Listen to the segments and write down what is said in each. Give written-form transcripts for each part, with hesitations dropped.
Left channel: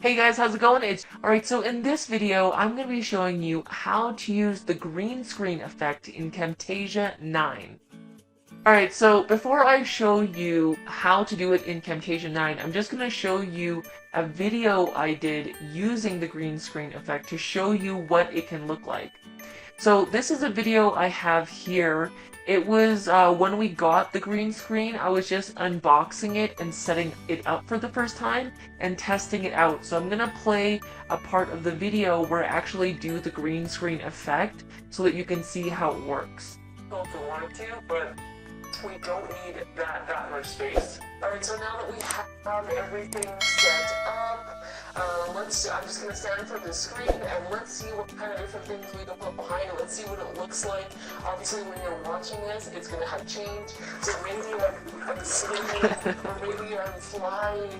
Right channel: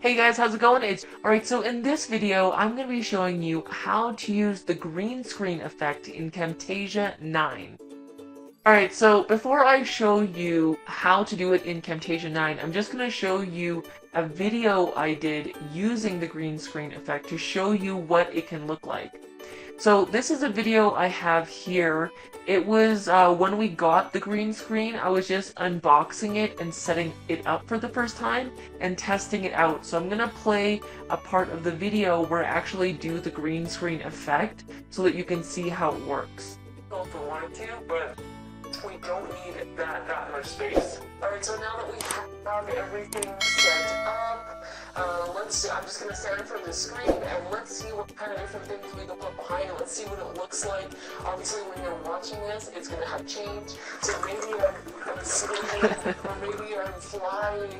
Hey guys, how's it going? Alright, so in this video, I'm going to be showing you how to use the green screen effect in Camtasia 9. Alright, so before I show you how to do it in Camtasia 9, I'm just going to show you a video I did using the green screen effect to show you what it can look like. So this is a video I have here. It was when we got the green screen, I was just unboxing it and setting it up for the first time and testing it out. So I'm gonna play a part of the video where I actually do the green screen effect so that you can see how it works. Well, if we wanted to, but we don't need that much space. Alright, so now that we have everything set up, I'm just going to stand from the screen and let's see what kind of different things we can put behind it. Let's see what it looks like. Obviously, when you're watching this, it's going to have change. So maybe I'm swimming, or maybe I'm flying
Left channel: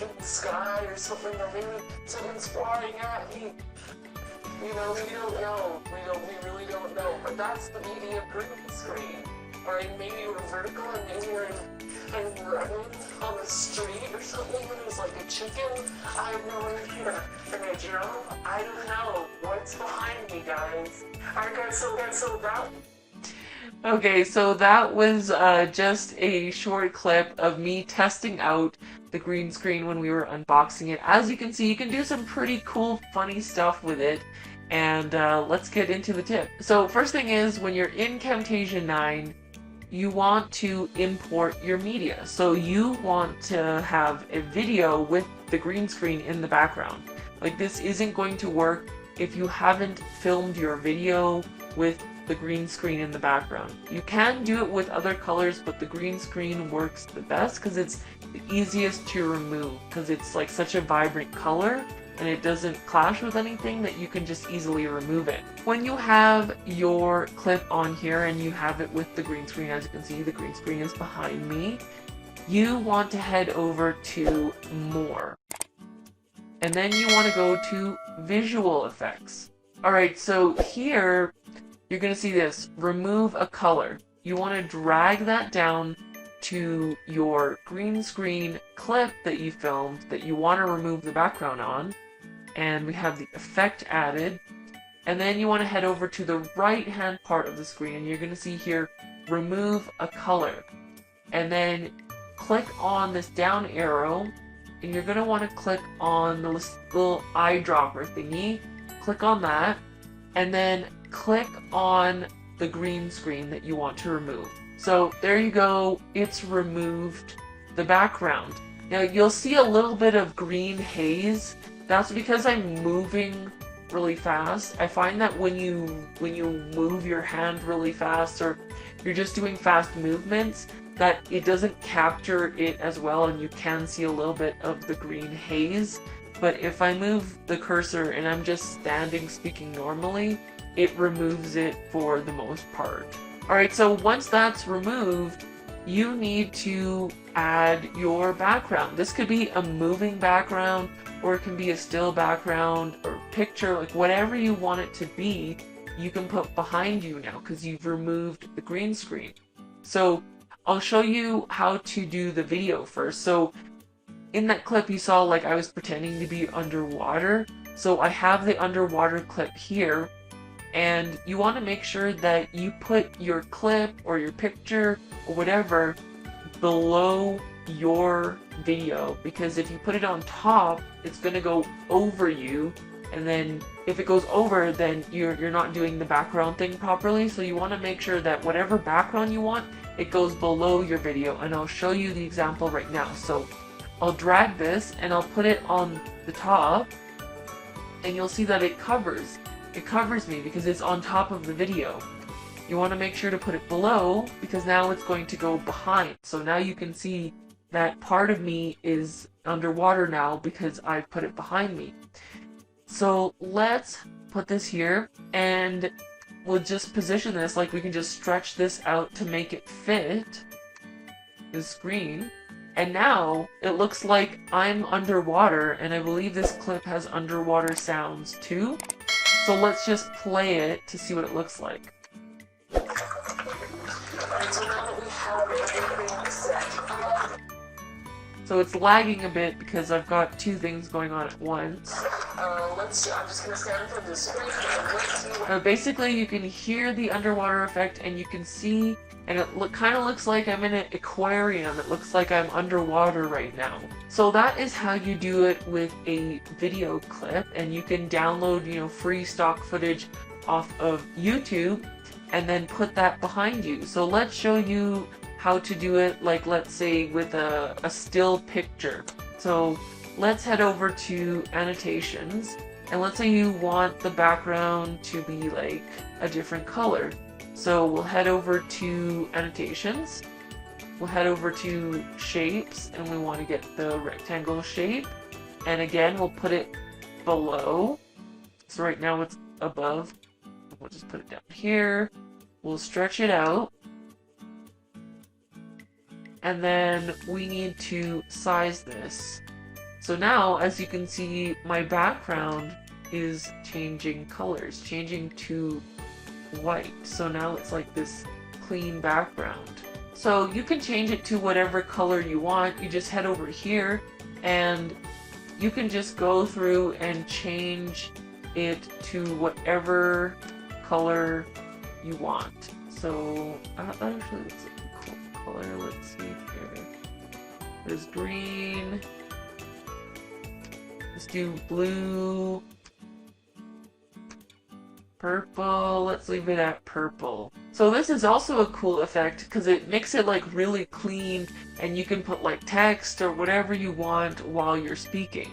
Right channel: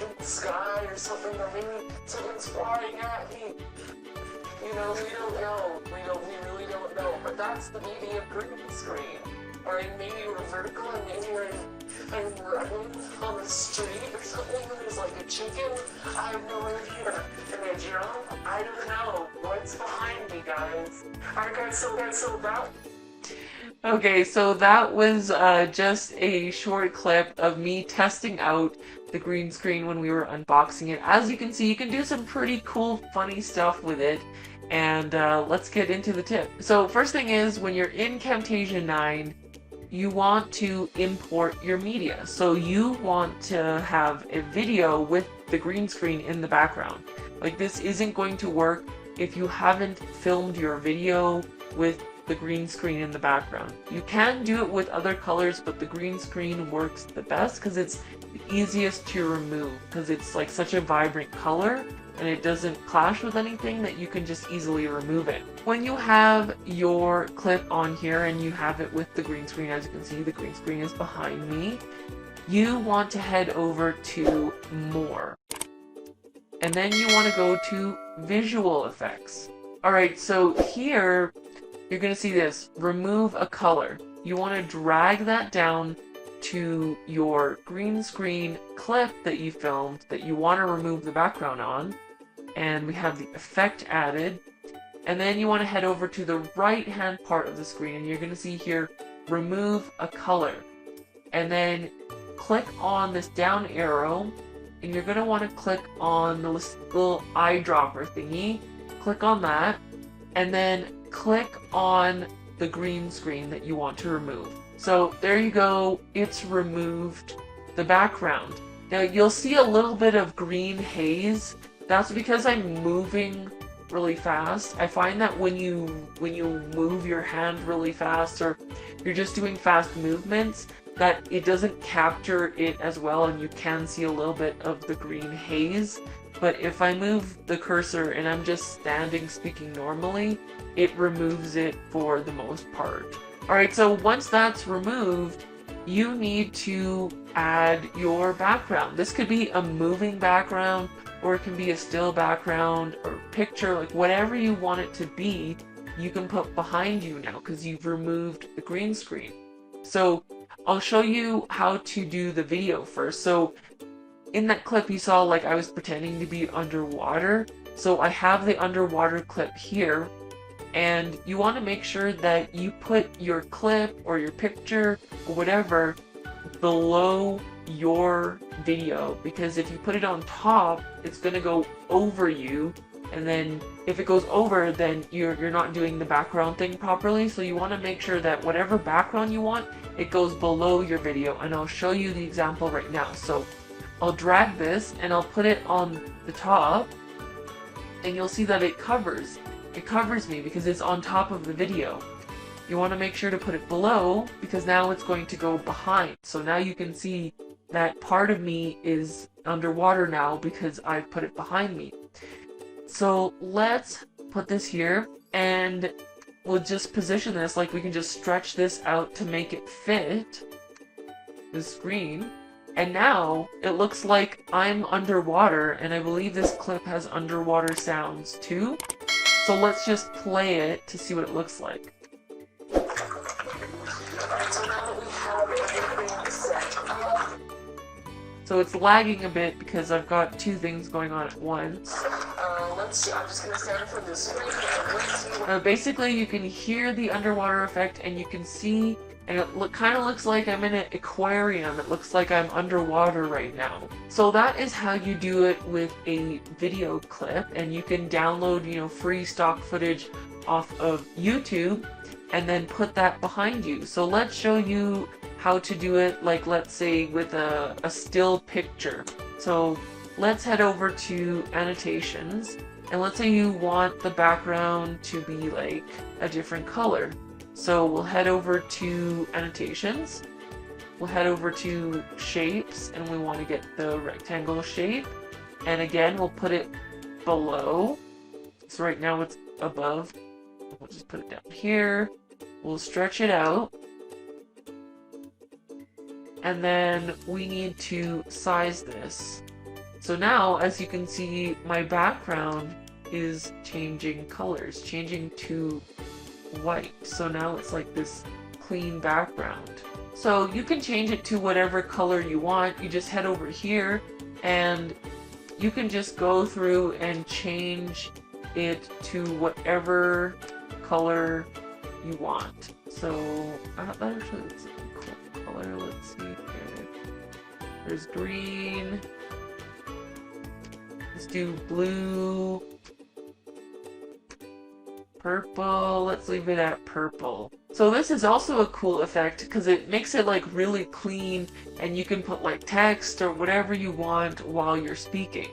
in the sky or something, or maybe something's flying at me. You know, we don't know. We really don't know. But that's the beauty of green screen. Or maybe you're vertical and maybe I'm running on the street or something, and there's like a chicken. I have no idea. And then Joe, I don't know what's behind me, guys. Alright guys, so that. Okay, so that was just a short clip of me testing out the green screen when we were unboxing it. As you can see, you can do some pretty cool, funny stuff with it. And let's get into the tip. So first thing is, when you're in Camtasia 9, you want to import your media. So you want to have a video with the green screen in the background. Like, this isn't going to work if you haven't filmed your video with the green screen in the background. You can do it with other colors, but the green screen works the best because it's the easiest to remove, because it's like such a vibrant color and it doesn't clash with anything that you can just easily remove it. When you have your clip on here and you have it with the green screen, as you can see, the green screen is behind me, you want to head over to More. And then you want to go to Visual Effects. Alright, so here, you're going to see this, Remove a Color. You want to drag that down to your green screen clip that you filmed that you want to remove the background on, and we have the effect added. And then you want to head over to the right hand part of the screen and you're going to see here, Remove a Color. And then click on this down arrow and you're going to want to click on the little eyedropper thingy. Click on that and then click on the green screen that you want to remove. So there you go, it's removed the background. Now you'll see a little bit of green haze. That's because I'm moving really fast. I find that when you move your hand really fast, or you're just doing fast movements, that it doesn't capture it as well and you can see a little bit of the green haze. But if I move the cursor and I'm just standing speaking normally, it removes it for the most part. Alright, so once that's removed, you need to add your background. This could be a moving background, or it can be a still background, or picture, like whatever you want it to be, you can put behind you now because you've removed the green screen. So I'll show you how to do the video first. So in that clip you saw, like, I was pretending to be underwater. So I have the underwater clip here. And you want to make sure that you put your clip or your picture or whatever below your video, because if you put it on top, it's going to go over you, and then if it goes over, then you're not doing the background thing properly. So you want to make sure that whatever background you want, it goes below your video, and I'll show you the example right now. So I'll drag this and I'll put it on the top, and you'll see that it covers me because it's on top of the video. You want to make sure to put it below because now it's going to go behind. So now you can see that part of me is underwater now because I put it behind me. So let's put this here and we'll just position this, like we can just stretch this out to make it fit the screen. And now it looks like I'm underwater, and I believe this clip has underwater sounds too. So let's just play it to see what it looks like. So it's lagging a bit because I've got two things going on at once. Let's see, I'm just gonna stand from this way. Basically, you can hear the underwater effect, and you can see, and it kind of looks like I'm in an aquarium. It looks like I'm underwater right now. So that is how you do it with a video clip, and you can download, free stock footage off of YouTube, and then put that behind you. So let's show you how to do it, like let's say with a still picture. So let's head over to annotations, and let's say you want the background to be like a different color. So we'll head over to annotations, we'll head over to shapes, and we want to get the rectangle shape, and again we'll put it below. So right now it's above, we'll just put it down here, we'll stretch it out, and then we need to size this. So now, as you can see, my background is changing colors, changing to white. So now it's like this clean background. So you can change it to whatever color you want. You just head over here and you can just go through and change it to whatever color you want. So actually, it's a cool color. Let's see here. There's green. Let's do blue. Purple. Let's leave it at purple. So this is also a cool effect because it makes it like really clean, and you can put like text or whatever you want while you're speaking.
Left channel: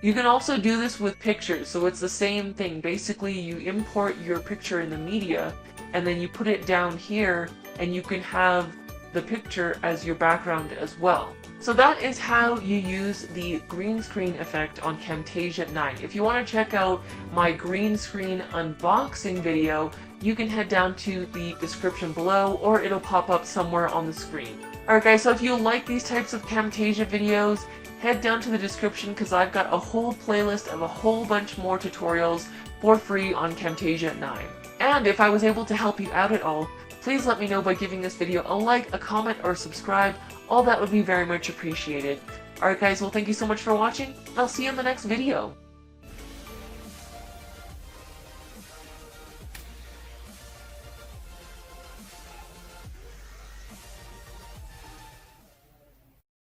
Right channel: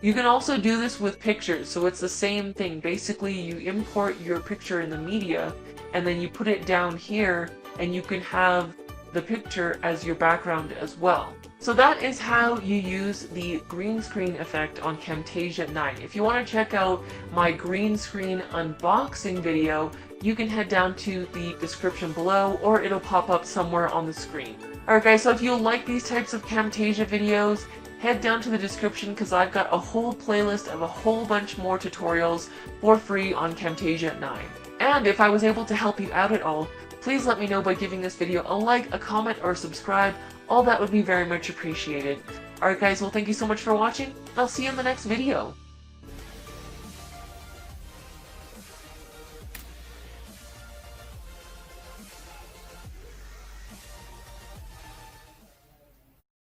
You can also do this with pictures, so it's the same thing. Basically, you import your picture in the media, and then you put it down here, and you can have the picture as your background as well. So that is how you use the green screen effect on Camtasia 9. If you want to check out my green screen unboxing video, you can head down to the description below, or it'll pop up somewhere on the screen. Alright guys, so if you like these types of Camtasia videos, head down to the description because I've got a whole playlist of a whole bunch more tutorials for free on Camtasia 9. And if I was able to help you out at all, please let me know by giving this video a like, a comment, or subscribe. All that would be very much appreciated. Alright guys, well thank you so much for watching. I'll see you in the next video.